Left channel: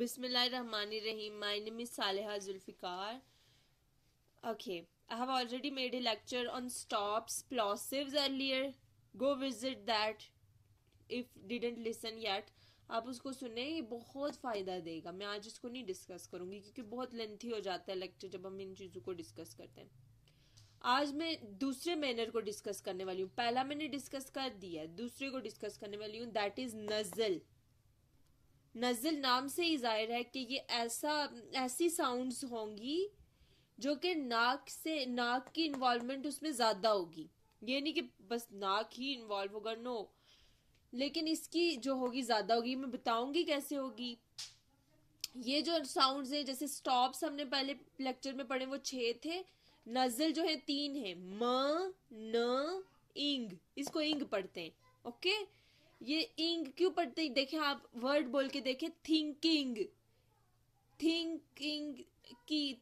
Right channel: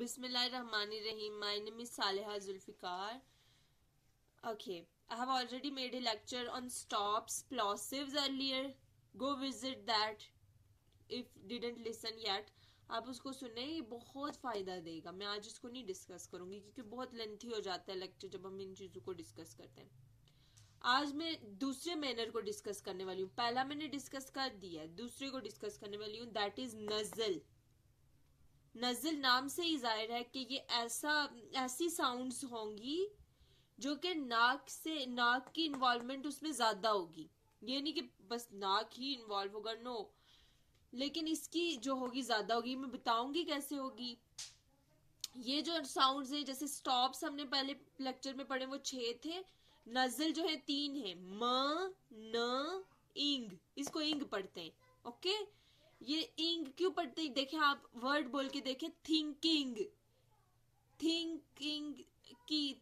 Bismillahirrahmanirrahim. My name is Saleha Zulfikar. Okay, I have already made a lecture on stops, plosives earlier. Go visit that if didn't listen yet. आप उसको सुने, ये बहुत फायदा देगा. मैं आज इसको नहीं डिस्कस करूंगी क्योंकि बहुत लेंथी हो जाता है लेक्चर जब हम इन चीजों को डिस्कस करते हैं. आज मैं दूसरे मैनर को डिस्कस करने वाली हूँ. पहला मैंने डिस्कस कर दिया है, दूसरे को डिस्कस करने वाली हूँ. That is nasal. नजल नाम से ही जाहिर है कि ये ऐसी साउंड्स होंगी जो कि नाक की इन्वॉल्वमेंट उसमें ज्यादा होगी. ये नहीं कि बस नाक ही इन्वॉल्व होगा, नो, लेकिन इसकी जो होगी ज्यादा होगी. मैं बताऊंगी कैसे होगी. ये जो साउंड्स हैं, जैसे स्टॉप्स हमने पहले लेक्चर में पढ़े वो 6 थे. नजल जो है 3 है. म, न, इंग. इसको इंग पढ़ते हैं. ओके, ये इंग क्यों पढ़ते हैं? देखें, आप वर्ड बोल के देखें. थिंकिंग, थिंकिंग की,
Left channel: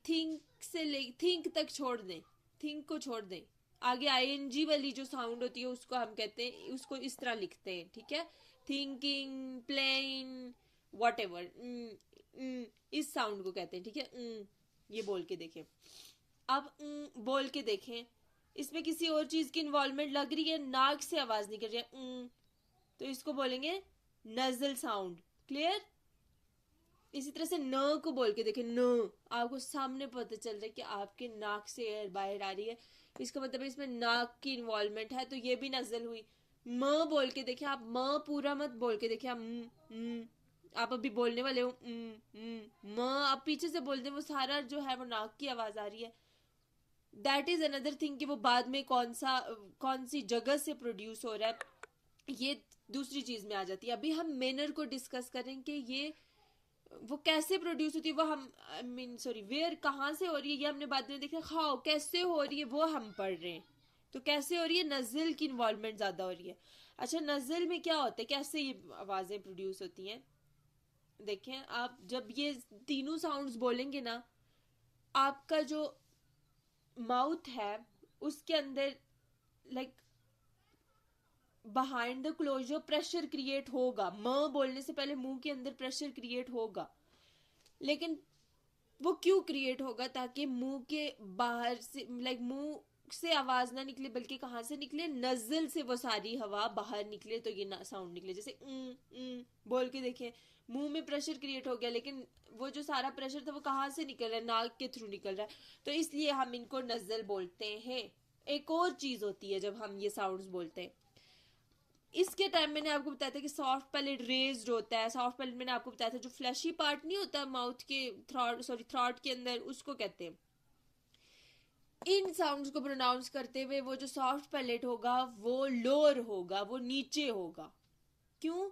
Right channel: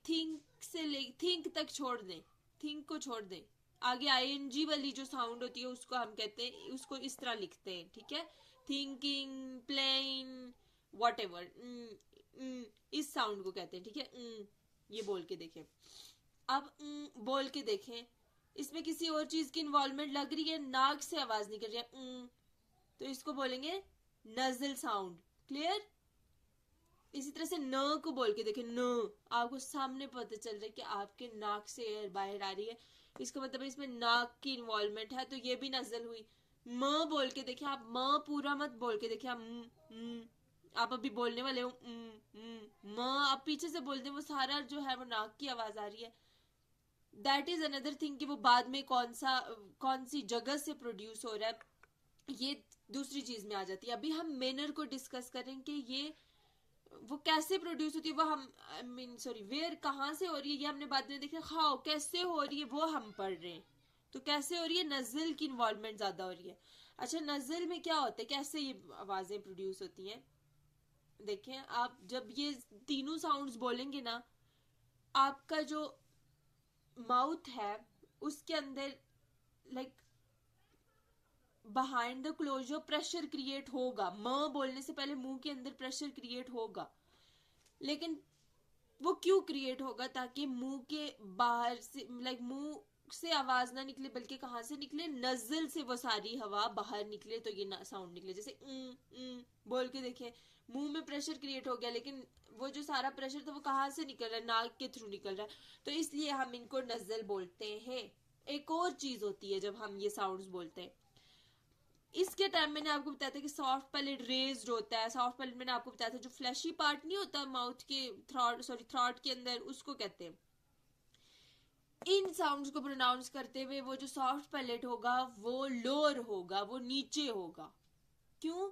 थिंक तक छोड़ दें, थिंक को छोड़ दें. आगे आईएनजी वाली जो साउंड होती है उसको हम कहते हैं, उसको इस तरह लिखते हैं. ठीक है, थिंकिंग, प्लेन, वॉट एवर, इस साउंड को कहते हैं. ठीक है, ये बोल के देखें. अब बोल के देखें, इसमें किसी और चीज की इन्वॉल्वमेंट लग रही है, नाक से आवाज निकल रही है, तो इसको बोलेंगे नजल साउंड. क्लियर? इसी तरह से न को बोल के देखें. न, आपको सामने पता चल रहा है कि आपके नाक से एयर बाहर आ रही है, इसका मतलब इसमें नाक की इन्वॉल्वमेंट है, तो ये भी नजल हुई. म बोल के देखें. आप म पूरा मत बोल के देखें. आप अभी बोलने वाले हो म, आप पीछे से बोलते हैं, वो सारा जो है वो नाक की आवाज आ रही है. दैट इज अनदर थिंग कि वो बाद में कौन सी जगह से प्रोड्यूस हो रहा है, ये दूसरी चीज में आ जाती है. अभी हम मेनर को डिस्कस करेंगे. ये वो कैसे प्रोड्यूस होती है, वो हम वेयर, कहाँ से हो रही है, ये हमने बाद में देखा. हाउ, कैसे हो रही है, वो हम पढ़ रहे हैं. तो कैसे हो रही है? नजल की इन्वॉल्वमेंट ज्यादा हो रही है. अच्छा, नजल में क्या होता है, कैसे ये आवाजें प्रोड्यूस होती हैं? देखें, आप जब ये तीनों साउंड्स बोलेंगे ना, आपका जो माउथ है उसके अंदर like behind the closure pressure create होगा. म बोलने से पहले मुंह के अंदर प्रेशर क्रिएट होगा. लेकिन वो क्यों क्रिएट होगा? ताकि मुंह के बाहर से मुंह से आवाज ना निकले, बल्कि कहां से निकले? नजल से वो सारी हवा बाहर निकले, तो ये साउंड निकले. जैसे बोल के देखें, मुंह में प्रेशर क्रिएट हो गया, लेकिन वो जो सारा प्रेशर था वो कहाँ से निकल रहा है? नाक के थ्रू निकल रहा है, तो इसलिए हम इनको नजल बोलते हैं. एक और चीज होती है जब हम ये साउंड्स बोलते हैं, इसके टाइम मैंने आपको बताया था कि सॉफ्ट पैलेट रेज्ड होता है. सॉफ्ट पैलेट मैंने आपको बताया था, जो फ्लैशी पार्ट नहीं होता माउथ के थ्रॉट के अंदर, उसको कहते हैं. इन साउंड्स को प्रोनाउंस करते हुए वो जो सॉफ्ट पैलेट होगा वो लोअर होगा, वो नीचे होगा. क्यों?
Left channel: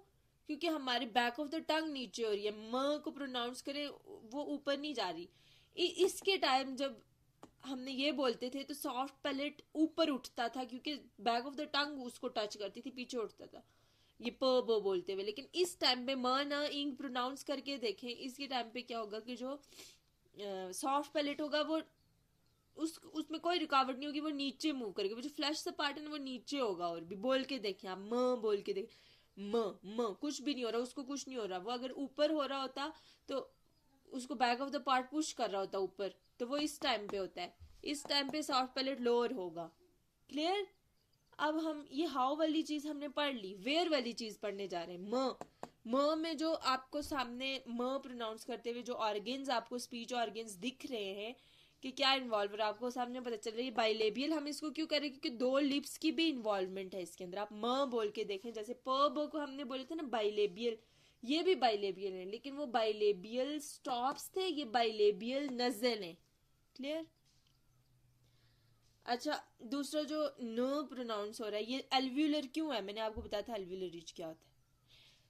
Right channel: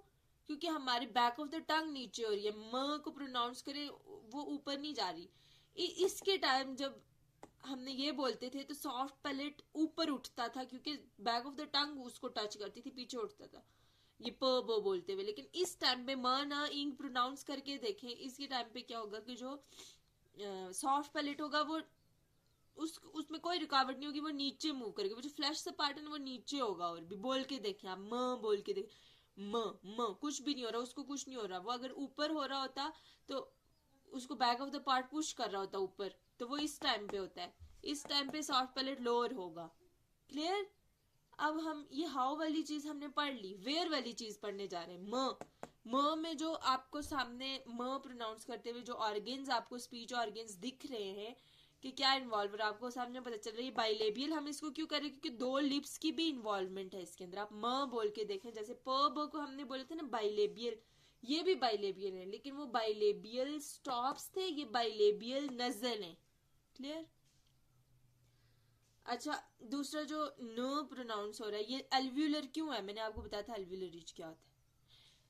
क्योंकि हमारे बैक ऑफ द टंग नीचे हो रही है. म को प्रोनाउंस करे, वो ऊपर नहीं जा रही. इसके टाइम जब हमने ये बोलते थे तो सॉफ्ट पैलेट ऊपर उठता था, क्योंकि बैक ऑफ द टंग उसको टच करती थी, पीछे उठता था ये प ब बोलते हुए. लेकिन इस टाइम पे म न इंग प्रोनाउंस करके देखें, इसके टाइम पे क्या होगा कि जो सॉफ्ट पैलेट होगा वो उसमें कोई रुकावट नहीं होगी, वो नीचे मूव करेगा. वो जो फ्लैश सा पार्ट है ना वो नीचे होगा. और भी बोल के देखें आप, म बोल के देखें. म कुछ भी नहीं हो रहा, उसको कुछ नहीं हो रहा. वो अगर ऊपर हो रहा होता तो उसको back of the part push कर रहा होता ऊपर, तो वो इस टाइम पे होता है. इस टाइम पे सॉफ्ट पैलेट लोअर होगा. क्लियर? अब हम ये हाउ वाली चीज हमने पढ़ ली, वेयर वाली चीज पढ़ने जा रहे हैं. म में जो आपको सामने म प्रोनाउंस करते हुए जो ऑर्गेन्स, आपको स्पीच ऑर्गेन्स दिख रहे हैं कि क्या इन्वॉल्व है, आपको सामने पता चल रहा है. बाइलेबियल हम इसको क्यों करें? क्योंकि 2 लिप्स की भी इन्वॉल्वमेंट है इसके अंदर. आप म बोल के देखें, जैसे प ब को हमने बोले थे ना बाइलेबियल, ये भी बाइलेबियल है, लेकिन वो बाइलेबियल स्टॉप्स थे, ये बाइलेबियल नजल है. क्लियर? अच्छा, दूसरा जो न प्रोनाउंस हो रहा है, ये एल्व्यूलर क्यों है? मैंने आपको बताया था एल्व्यूलर रिज क्या होता है.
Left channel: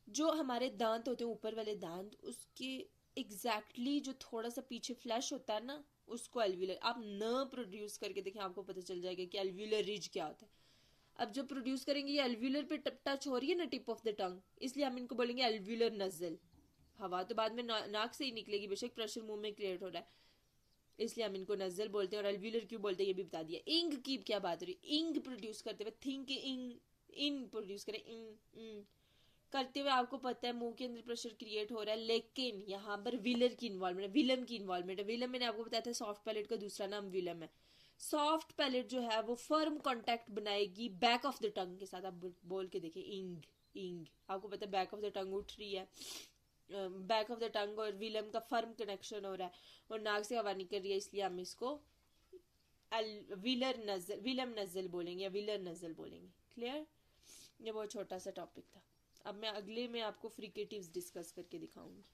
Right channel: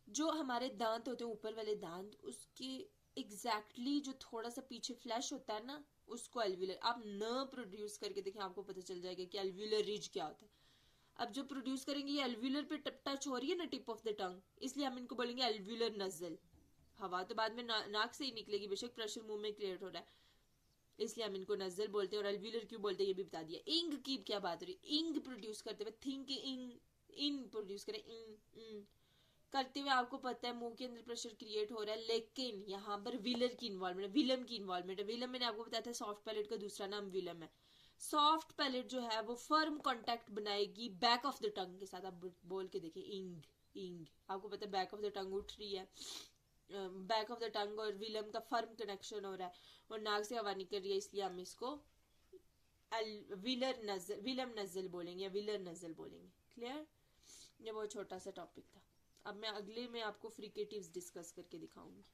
जो हमारे दांत होते हैं, ऊपर वाले दांत, उसके एग्जैक्टली जो थोड़ा सा पीछे फ्लैश होता है ना, उसको एल्व्यूलर. आप न प्रोड्यूस करके देखें, आपको पता चल जाएगा कि एल्व्यूलर रिज क्या होता है. अब जो प्रोड्यूस करेंगे, ये एल्व्यूलर पे टच हो रही है ना, टिप ऑफ द टंग, इसलिए हम इनको बोलेंगे एल्व्यूलर नजल. हवा तो बाद में नाक से ही निकलेगी, बेशक प्रेशर मुंह में क्रिएट हो रहा है, इसलिए हम इनको नजल बोलते हैं. और एल्व्यूलर क्यों बोलते हैं ये भी बता दिया. इंग की क्या बात हो रही? इंग प्रोड्यूस करते हुए, थिंक इंग, इन प्रोड्यूस करें, करते हुए आपको पता है मुंह के अंदर प्रेशर क्रिएट हो रहा है, लेकिन यहाँ पर विलर की इन्वॉल्वमेंट है, विलम की इन्वॉल्वमेंट है। विलम मैंने आपको बताया था सॉफ्ट पैलेट का दूसरा नाम विलम है। सॉफ्ट पैलेट जो है वो फर्म कांटेक्ट बनाएगी बैक ऑफ द टंग के साथ। आप बोल के देखिए, इंग इंग, आपको पता है बैक ऑफ द टंग उठ रही है, बैक ऑफ द टंग और विलम का फर्म कनेक्शन हो रहा है और नाक से हवा निकल रही है, इसलिए हम इसको विलम नजल बोलेंगे या विलर नजल बोलेंगे। क्लियर? ये बहुत छोटा सा टॉपिक था। अब मैं अगले में आपको फ्रिकेटिव्स डिस्कस करके दिखाऊंगी।